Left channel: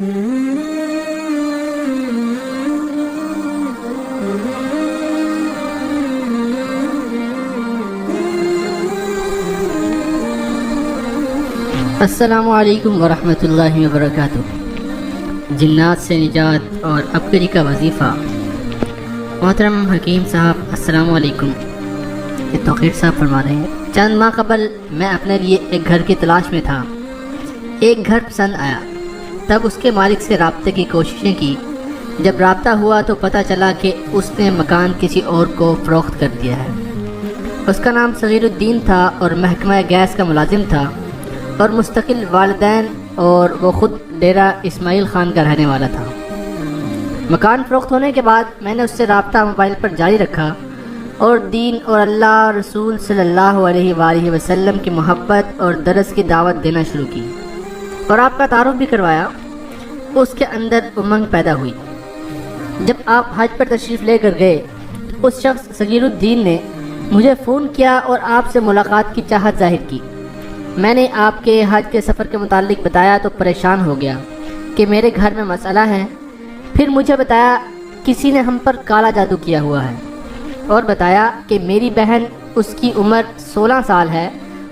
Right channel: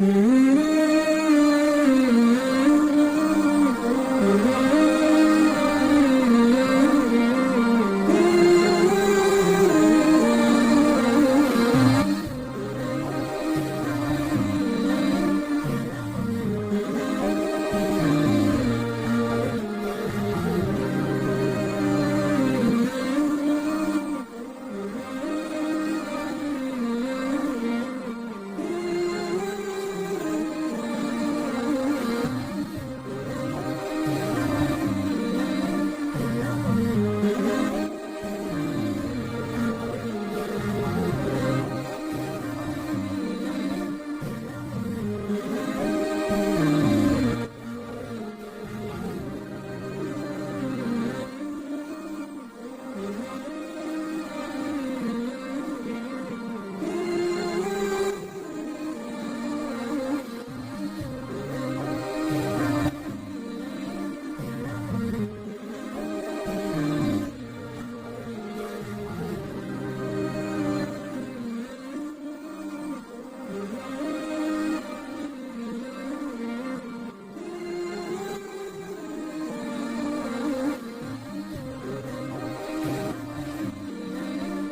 السلام علیکم ورحمۃ اللہ وبرکاتہ۔ جنات سے نجات اور ابکری کا وظیفہ۔ محترم حکیم صاحب السلام علیکم۔ توقیر صاحب فرما رہے ہیں، چند ماہ قبل میں اپنے لیے ایک گھر کی تلاش میں تھا۔ ایک گھر پسند آیا، تب اس کے مالک سے رابطے کی کوششیں کی۔ جب رابطہ ہوا تو پتہ چلا کہ اس نے مکان کسی اور کو فروخت کر دیا ہے۔ اس کا نام صغیر الدین تھا اور محکمہ گیس کا ملازم تھا اور مستقل والدین، اور وہ خود ڈیرہ اسماعیل خان کا رہنے والا تھا۔ مکان فروخت ہونے کے بعد میں نے اس سے رابطہ موبائل پر جاری رکھا اور دین اور اللہ رسول صلی اللہ علیہ وآلہ وسلم کی محبت اور درس کی دعوت دینا شروع کی اور آپ کا تعارف بھی کروایا۔ اس کے اندر امنگ پیدا ہوئی۔ جب آپ حج پر تشریف لے کر گئے، اس شخص صغیر الدین نے مجھے فون کیا اور آپ سے ملاقات کی چاہت ظاہر کی۔ میں نے آپ کے حج کے سفر کے متعلق بتایا تو پریشان ہو گیا کہ میرے گھر میں مسئلہ ہے۔ پھر مجھے بتایا کسی نے ہم پر کالا جادو کیا ہوا ہے، اور بتایا کہ میری بہن، اس کی عمر 16 سال ہے،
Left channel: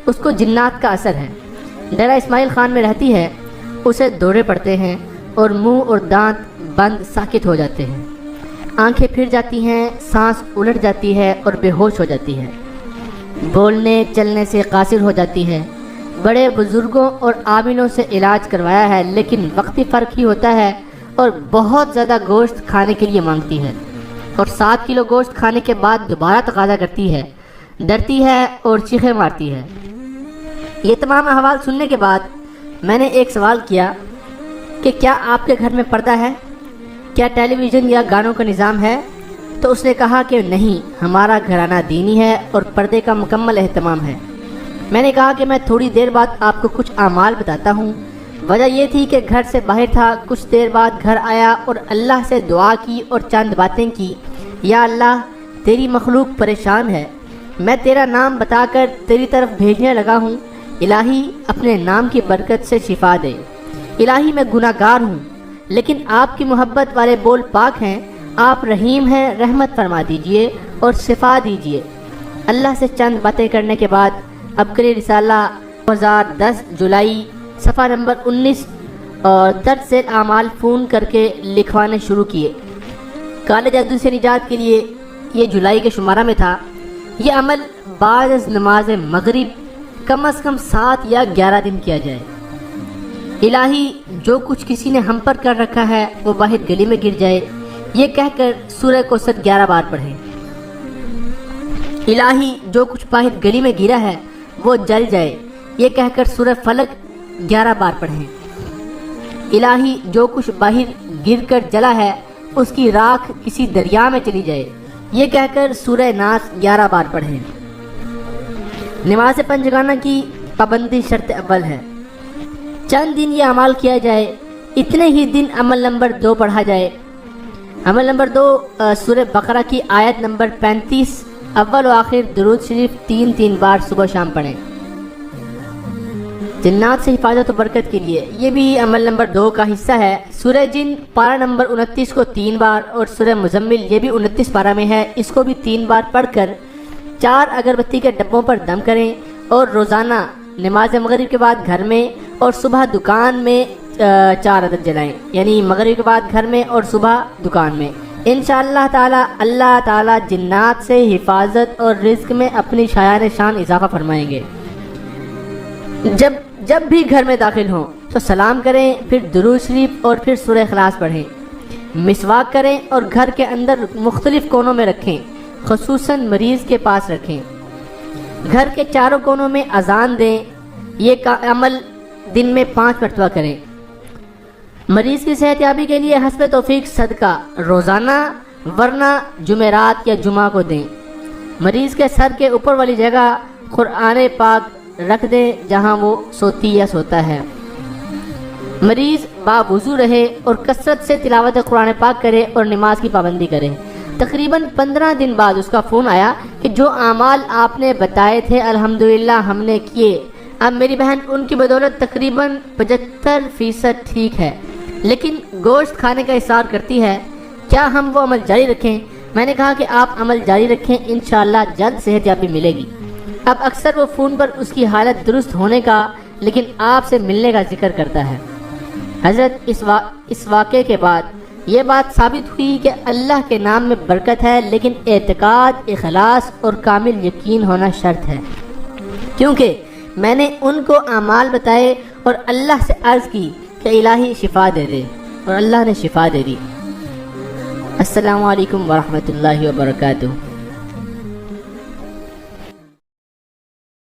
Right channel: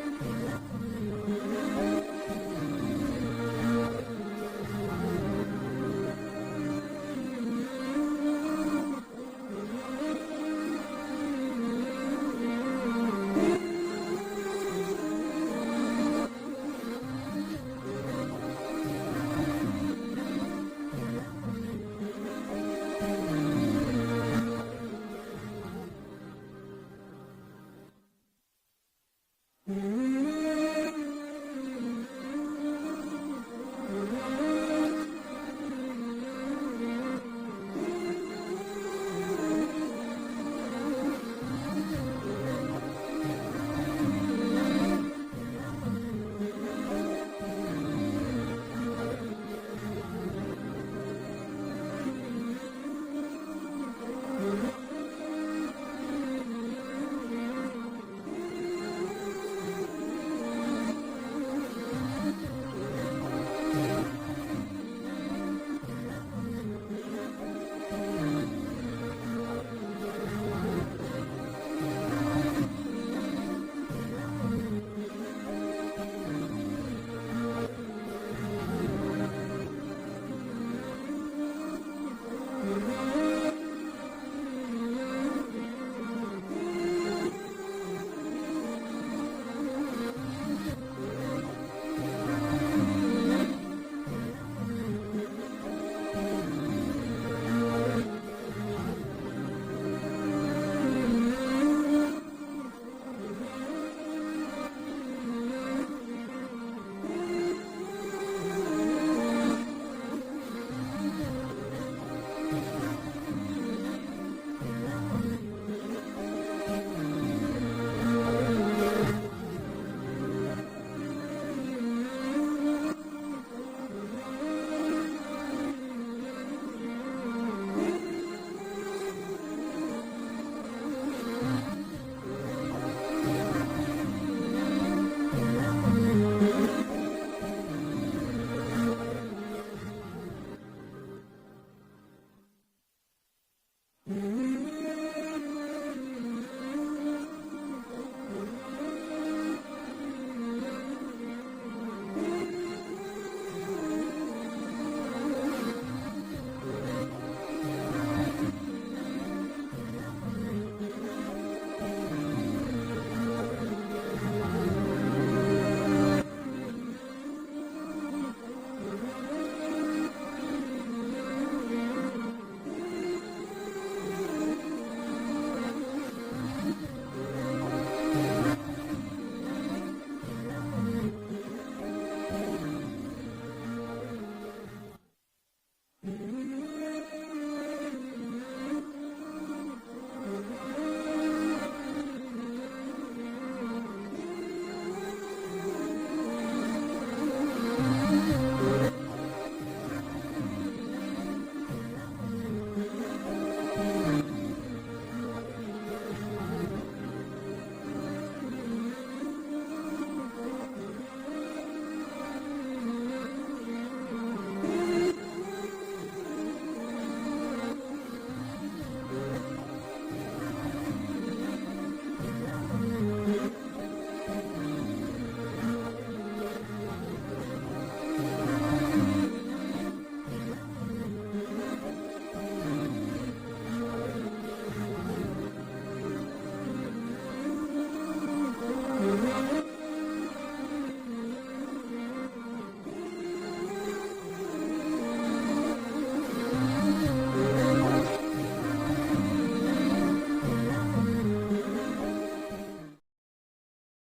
اس کو جنات کا اثر ہے، ڈیرہ اسماعیل خان میں رہتی ہے، اسے دورے پڑتے ہیں اور منہ اور دانت بند ساکت ہو جاتے ہیں، آنکھیں پھر جاتی ہیں، سانس الٹ جاتی ہے اور بے ہوش ہو جاتی ہے، بولنے چلنے سے قاصر ہو جاتی ہے۔ بڑے بزرگوں اور عاملوں سے علاج کروایا ہے لیکن وقتی فرق ہی ہوتا ہے، اور بہت زیادہ گوشت کھانے کے لیے مانگتی ہے، اور 7 کلو گوشت کھانے کے بعد دوبارہ تقاضا کرتی ہے، ڈرتی ہے اور چیخیں مارتی ہے۔ یہ تمام احوال سننے کے بعد میں نے ایک سوال کیا کہ کیا آپ کے گھر میں پردہ ہے؟ کیا ٹیلی ویژن یا گانوں کا نظام ہے؟ تو اس نے کہا کہ نہیں، ہمارا گھرانہ دینی ہے اور پردے کا مکمل اہتمام ہے۔ میں نے کہا کہ میں تھوڑی دیر بعد آپ کو کچھ اعمال بتاتا ہوں۔ وجہ یہ تھی کہ گھر سے باہر تھا، کچھ دیر بعد گھر آیا اور اللہ سے دعا کی اور چند باتیں کی۔ یا اللہ، تیری مخلوق پریشان ہے، میں تیرا نام بتا کر تیری طرف بھیجنے لگا ہوں، الہی اپنے نام کی برکت سے شفا دے۔ الہی میں گناہ گار ہوں لیکن آپ کی محبت والے بول پاک ہیں، آپ رحیم ہیں، رحمت فرما دیجئے اور شفا دیجئے۔ اللہ سے چند باتیں کرنے کے بعد ابکری رسالہ 2010 جولائی صفحہ نمبر 19 اور درج ذیل اعمال فون کر کے لکھوانے شروع کیے۔ کالے جادو سے نجات کے لیے یہ جولائی کے شمارہ میں تھا۔ یہ عمل بعد از نماز مغرب کم از کم 7 یا 11 دن کیا جائے۔ الہی، جو کچھ کسی نے ہم پر کر رکھا ہے وہ باہر گلی میں گر جائے، یہ کہہ کر سورہ کوثر 11 بار پڑھیں۔ الہی، جو کچھ باہر گلی میں گرا ہے وہ جل جائے، یہ کہہ کر سورہ فلق 11 بار پڑھیں۔ الہی، جو کچھ باہر گر کر جلا ہے اس کی راکھ کسی دریا میں چلی جائے، یہ کہہ کر سورہ ناس 11 بار پڑھیں۔ نماز پنجگانہ کی پابندی شرط اول ہے۔ چند دن یہ عمل کیا جائے، اتنے ہی دن عمل نمبر 2 پڑھا جائے۔ عمل نمبر 2 سورہ بقرہ کی آیت نمبر 35 اول و آخر درود شریف 3 بار صبح شام پڑھیں۔ جنات سے حفاظت و برکت کے لیے یہ بھی عمل نمبر 2 کا حصہ ہے۔ سورہ جن پارہ نمبر 29 کو 3 بار اور سورہ مزمل یہ بھی 29 پارہ میں ہے، اس کو بھی 3 بار پڑھ کر 4 اگربتی کے ڈبوں پر دم کریں اور روزانہ نماز مغرب کے بعد گھر میں اور صبح دکان میں 4 عدد جلائیں، یعنی مغرب کے بعد گھر میں اور صبح دکان میں۔ انشاءاللہ تعالی اللہ تعالی جنات سے حفاظت اور رزق میں اپنی شایان شان اضافہ فرمائیں گے۔ جب بھی گھر میں داخل ہوں تو سلام کریں، پھر درود شریف اور پھر سورہ اخلاص پڑھیں۔ مسواک کریں اور گھر کے اندر مختلف کونوں میں رکھیں، خصوصاً مریض کے پاس رکھیں۔ گھر کے چاروں کونوں میں اذان دیں۔ یہ عمل دن میں 5 مرتبہ کریں۔ مریض کی صحت یابی کے لیے حسب توفیق صدقہ روزانہ ورنہ جمعرات یا جمعہ کو دیں۔ مریض کے سر کے اوپر والی جگہ قرآن پاک رکھ دیں جہاں وہ سوتی یا سوتا ہے۔ مریض باوضو رہے اور کثرت سے تلاوت قرآن پاک کرے اور نماز کی پابندی کرے۔ تقریباً 15 دن بعد اس کا فون آیا کہ جو اعمال آپ نے بتائے تھے الحمدللہ ہم نے کیے، اب میری بہن ان کی بدولت تقریباً 75% ٹھیک ہے، لیکن گوشت کھانے کا اصرار کرتی ہے، کیا ہم وہ عمل جاری رکھیں؟ میں نے کہا کہ آپ عمل جاری رکھیں، انشاءاللہ جلد صحت یابی ملے گی۔ اب اکثر وہ فون پر اس کی حالت درست ہونے کا لیکن آپ سے ملنے کا ذکر کرتا ہے۔ حضرت اس واقعے کے بعد یہ بات ثابت ہوئی کہ اللہ کے نام میں برکت ہے، لیکن اعتقاد، اخلاص اور کامل یقین ہونا شرط ہے، کیونکہ میں نے ان کو اعمال بتائے اور اللہ سے عرض کی کہ الہی شفا دے دے، اور اللہ نے شفا دے دی۔ السلام علیکم ورحمۃ اللہ وبرکاتہ۔